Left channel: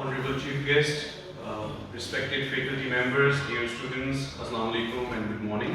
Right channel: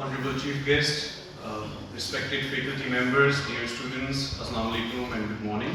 Honorable Chief Guest, respected faculty members, dear students, Assalamu alaikum and good morning.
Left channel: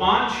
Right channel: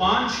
5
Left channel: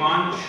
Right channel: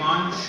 5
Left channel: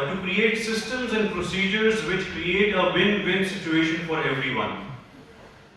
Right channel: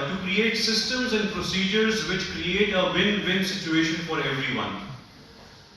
to create systems and procedures which create a win-win situation for everyone।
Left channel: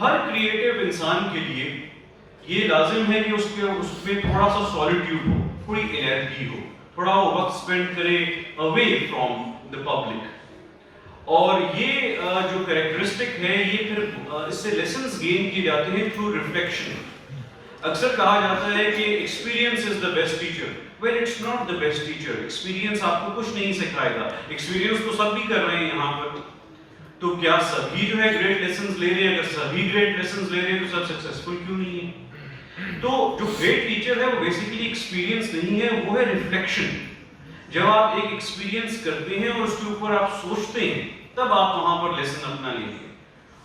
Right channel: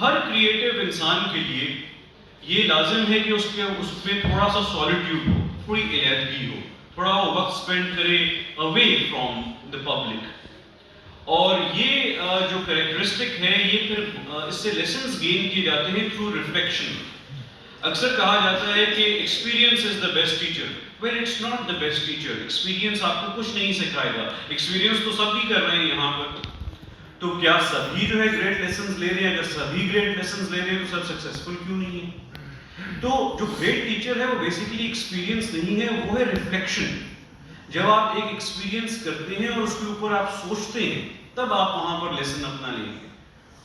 Hare creative انسان کے لیے یہ لازم ہے کہ اس میں تھوڑا سا سالیٹیوڈ ہو، تھوڑی علیحدگی ہو، تھوڑا وہ وقت اسپینڈ کرے اوے فرام دا پبلک. اور یہ جو کریکٹرسٹک ہے یہ پھر اس سے لیسنز گین کیے جاتے ہیں تھرو ریفلیکشن. اکثر کہا جاتا ہے کہ experience is the best teacher. Well it's not the best teacher. Experience آپ کو کچھ نہیں سکھائے گا. ایکسپیرینس تو سب بھی کر رہے ہیں یہاں پر، تو کیا سبھی جو ہے گریٹ لیسنز لے رہے ہیں؟ اگر سبھی گریٹ لیسنز لے رہے ہیں تو سب سکسیسفل کیوں نہیں ہے؟ تو جو گریٹ ٹیچر ہے وہ بیسیکلی ایکسپیرینس نہیں ہے، وہ ہے ریفلیکشن. جب آپ ایک ایکسپیرینس کرتے ہیں اور اس کے اوپر آپ سوچتے ہیں تب آپ وہاں پر لیسن اپنا لیں گے.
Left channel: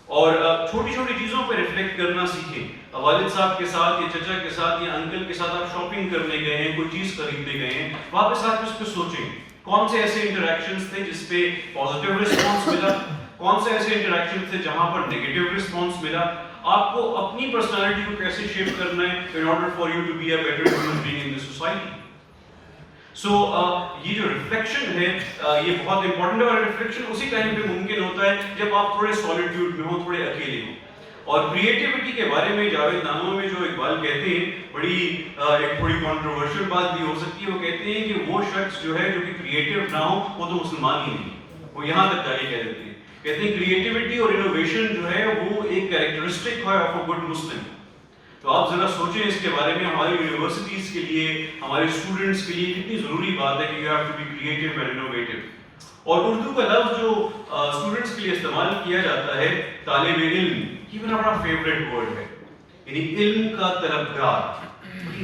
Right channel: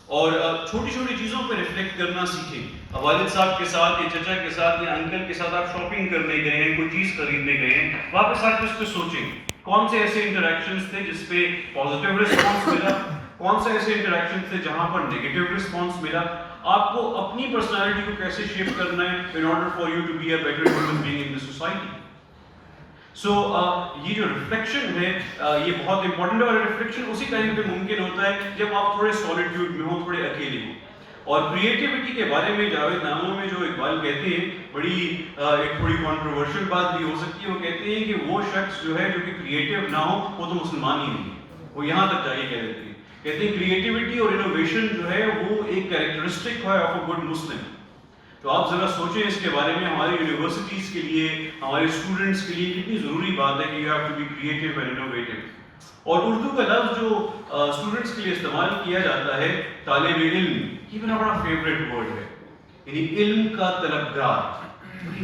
اور چھوٹی چھوٹی چیزوں پہ ریفلیکٹ کرنا سیکھیں. والد صاحب کے ساتھ یا چچا کے ساتھ یا انکل کے ساتھ آپ شاپنگ کرنے گئے ہیں، کوئی چیز خریدنے گئے ہیں، واپس آ کے اس پہ سوچیں کون سے ایسے انٹریکشنز تھے جس پہ پازیٹیو رسپانس ملا، کون سے ایسے انٹریکشن تھے جہاں پر نیگیٹو رسپانس ملا. آپ کو اپنی پرسنالٹی کو کیسے شیپ کرنا ہے in order for you to be a better human being in the society. سو یہ جو ریفلیکشن ہے یہ بہت امپورٹنٹ ہے، اور ریفلیکشن اسی ٹائم پہ ممکن ہوتا ہے جب آپ تھوڑے سالیٹیوڈ میں ہوں، تھوڑے اکیلے ہوں. اور کریٹیوٹی کے بارے میں جاوید ناموں میں جو اقبال کہتے ہیں، بڑی ایک تھوڑی کنٹروورشل بات بھی ہو سکتی ہے. وہ کہتے ہیں کہ وہ شخص جو ہے جو کہ کریٹیو نہ ہو وہ تو مسلمان ہی نہیں. وہ یہاں تک جا کے کہہ دیتے ہیں، کہتے ہیں کریٹیوٹی اور انوویشن جو ہے وہ ایک کیریکٹرسٹک ہے آف اے گڈ مسلم. تو آپ ذرا سوچیں اس کے بارے میں. ہماری یونیورسٹیز کے لیے، ہمارے اسٹوڈنٹس کے لیے کتنی ضروری بات ہے کہ you have to be creative and innovative. اور اردو کا لفظ جو اسٹوڈنٹس کے لیے استعمال کیا جاتا ہے طالب علم، یہ میرا بڑا فیوریٹ ورڈ ہے. یعنی علم کا طلبگار.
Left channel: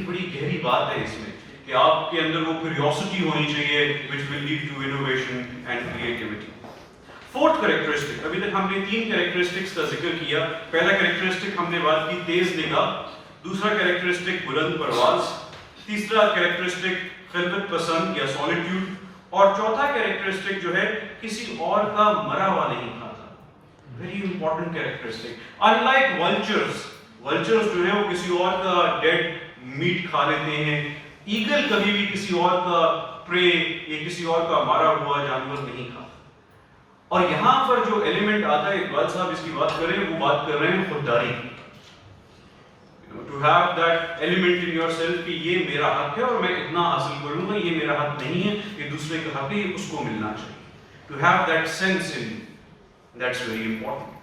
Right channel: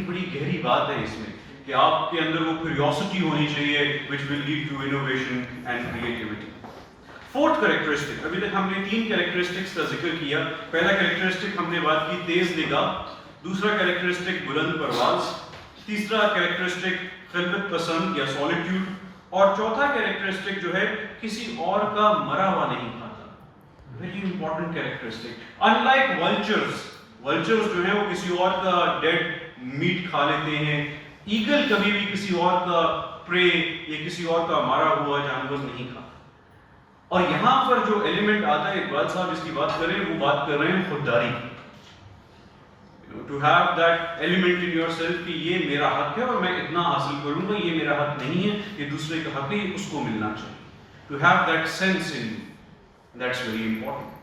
بڑی گہری بات ہے اس میں کہ آپ کے اندر وہ کیوریوسٹی ہونی چاہیے which will lead to innovation and creativity. Fourth characteristic, ابھی تک ہم نے 3 کریکٹرسٹکس کا ذکر کیا. پہلا کریکٹرسٹک ہم نے بات کی تیز نگاہ، دوسرا کریکٹرسٹک بلند پرواز، تیسرا کریکٹرسٹک خلقت پسند یا سالیٹیوڈ، اور چوتھا کریکٹرسٹک جو ہے کسی اور کا مرا ہوا نہیں کھاتا. Very important characteristic. Unlike vultures جو ہیں وہ کسی اور کا ڈیڈ میٹ کھا لیتے ہیں. ایگل کبھی بھی کسی اور کا پرے یا کسی اور کا مارا ہوا جانور نہیں کھاتا. اور یہاں پر جو ایلیمنٹ آتا ہے، اقبال صاحب اس کی بات کر رہے ہیں، وہ بات کر رہے ہیں خودداری. To have that element in yourself کہ یہ میرا حق ہے اور میں اتنا حاصل کروں گا، یہ میرا حق نہیں ہے، یہ دوسرے کا حق ہے، اس کو ملنا چاہیے. To have that sense in that's very important.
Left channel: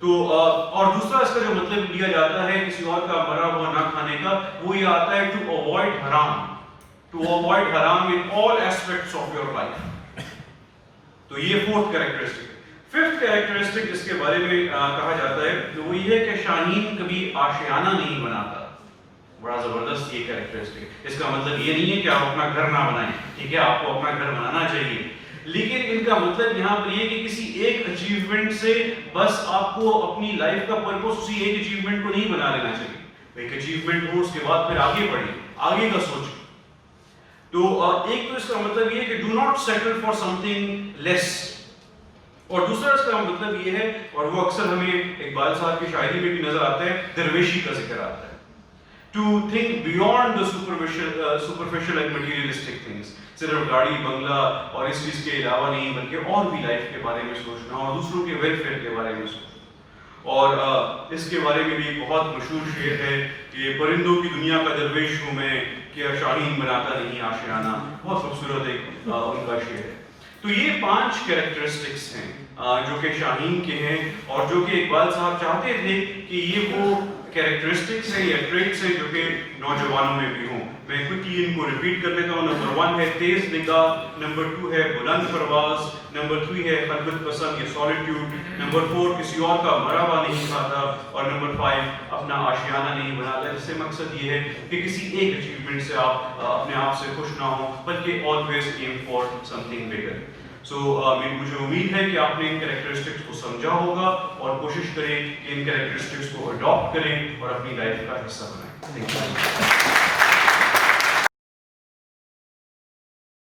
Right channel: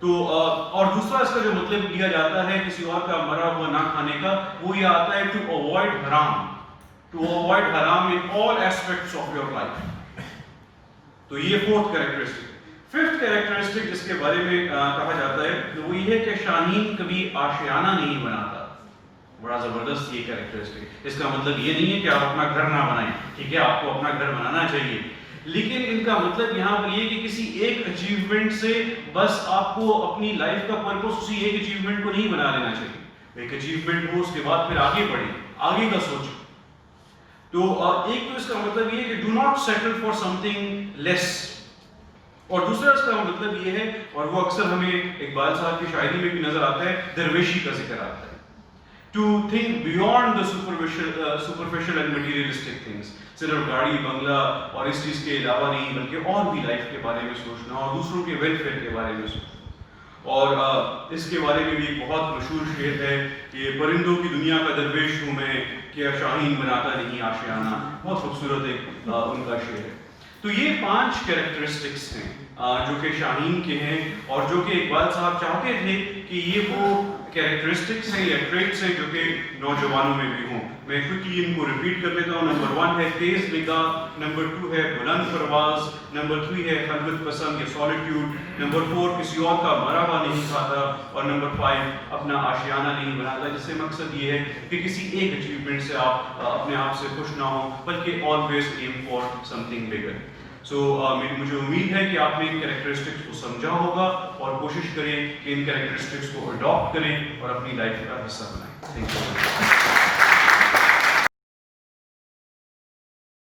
تو اور دوسرا اس کا جو مطلب لیا جاتا ہے کسی اور کا مرا ہوا نہ کھانے کا، وہ یہ آتا ہے ٹو اوائڈ حرام. ٹو اوائڈ حرام in all aspects of your life. تو یہ فورتھ کریکٹرسٹک. ففتھ کریکٹرسٹک جس کے بارے میں کہا جاتا ہے وہ یہ ہے کہ شاہین کبھی آشیانہ نہیں بناتا. بڑا زبردست یہ کریکٹرسٹک. اس کا مطلب یہ نہیں ہے کہ آپ اپنا گھر نہ بنائیں، ٹھیک ہے، آپ کو اپنا گھر بنانا چاہیے، لیکن ان کا مطلب یہاں پر یہ کہ کسی ایک اچیومنٹ سے بس آپ کو اپنی لائف کا پرپس اسی ایک اچیومنٹ کو نہیں بنا لینا چاہیے. ایک اچیومنٹ ہو، اس کے بعد پھر آگے بڑھیں، آگے کا سوچیں. تو ایک تو اس کا مطلب یہ ہے کہ do not settle for something less. اور دوسرا اس کا مطلب یہ ہے، اور وہ اکثر ہمیں اقبال صاحب کی شاعری میں بھی نظر آتا ہے، درویشی کا ذکر آتا ہے. To think beyond the superficial and materialistic things. صرف گاڑی بنگلہ اور اس چیز کے علاوہ نہیں، بلکہ اور بھی لائف کے بارے میں سوچنا اور دوسروں کے ویلفیئر کے بارے میں سوچنا. اور اس کے بارے میں بھی ایک بہت مشہور شعر ہے کہ پرندوں کی دنیا کا درویش ہوں میں، کیا شاہین بناتا نہیں آشیانہ. بہت خوبصورت ایک ان کا شعر ہے. تو یہ 5 کریکٹرسٹکس ہیں جو کہ شاہین کے ہیں، اور جو کہ اقبال صاحب چاہتے تھے کہ یہ وہ کریکٹرسٹکس ہیں یا ٹریٹس ہیں جو کہ نوجوانوں میں بھی ہوں. میں کوئکلی ان کو ریپیٹ کر لیتا ہوں. نمبر 1 ہے تیز نگاہ، نمبر 2 ہے بلند پرواز، نمبر 3 ہے خلقت پسند یا سالیٹیوڈ، نمبر 4 کسی اور کا مرا ہوا نہیں کھاتا، اور نمبر 5 اپنا آشیانہ نہیں بناتا. جس سے مقصد یہ ہے کہ کسی ایک اچیومنٹ سے آپ اپنے آپ سے خوش نہ ہوں، بلکہ always aim for something bigger. So مجھے امید ہے کہ آپ نے ان کریکٹرسٹکس کو سمجھا ہوگا، اور کوشش کریں کہ ان کریکٹرسٹکس کو اڈاپٹ کریں اور اپنی لائف کا حصہ بنائیں. Thank you.